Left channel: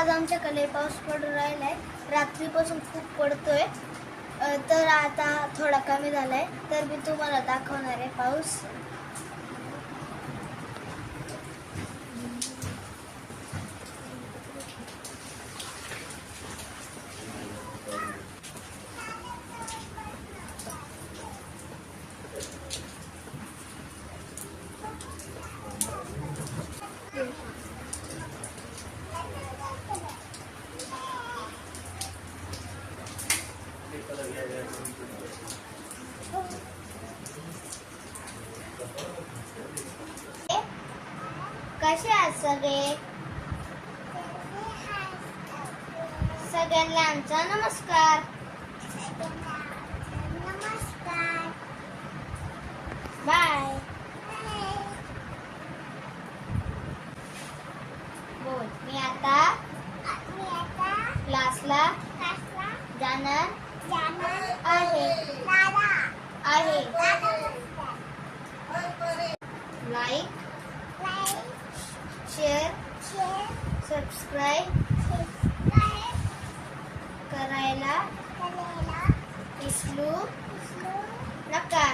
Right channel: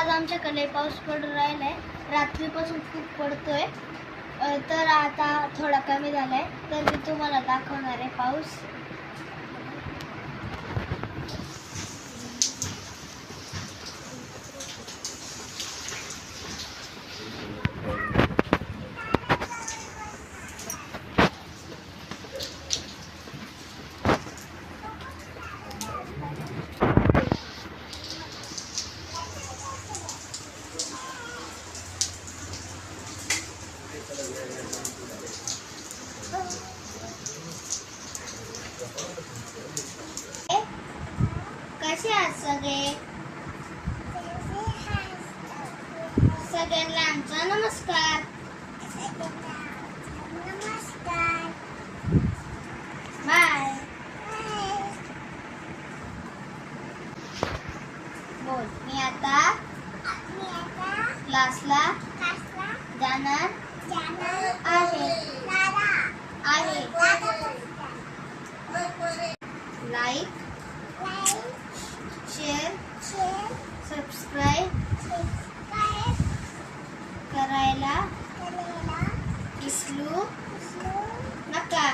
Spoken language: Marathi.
आज आमच्याकडे पाऊस पडून राहिलाय. रात्रीपासून खूप पडतोय. तर आता थोडा कमी झालाय. तर मी तुम्हाला दाखवणार आहे पाऊस. कसे आहात सगळे? सगळ्यांना आमचा नमस्कार. बाय. बोल. मी आता क्लासला जाणार आहे. लाईक, शेअर, सबस्क्राईब करायला विसरू नका.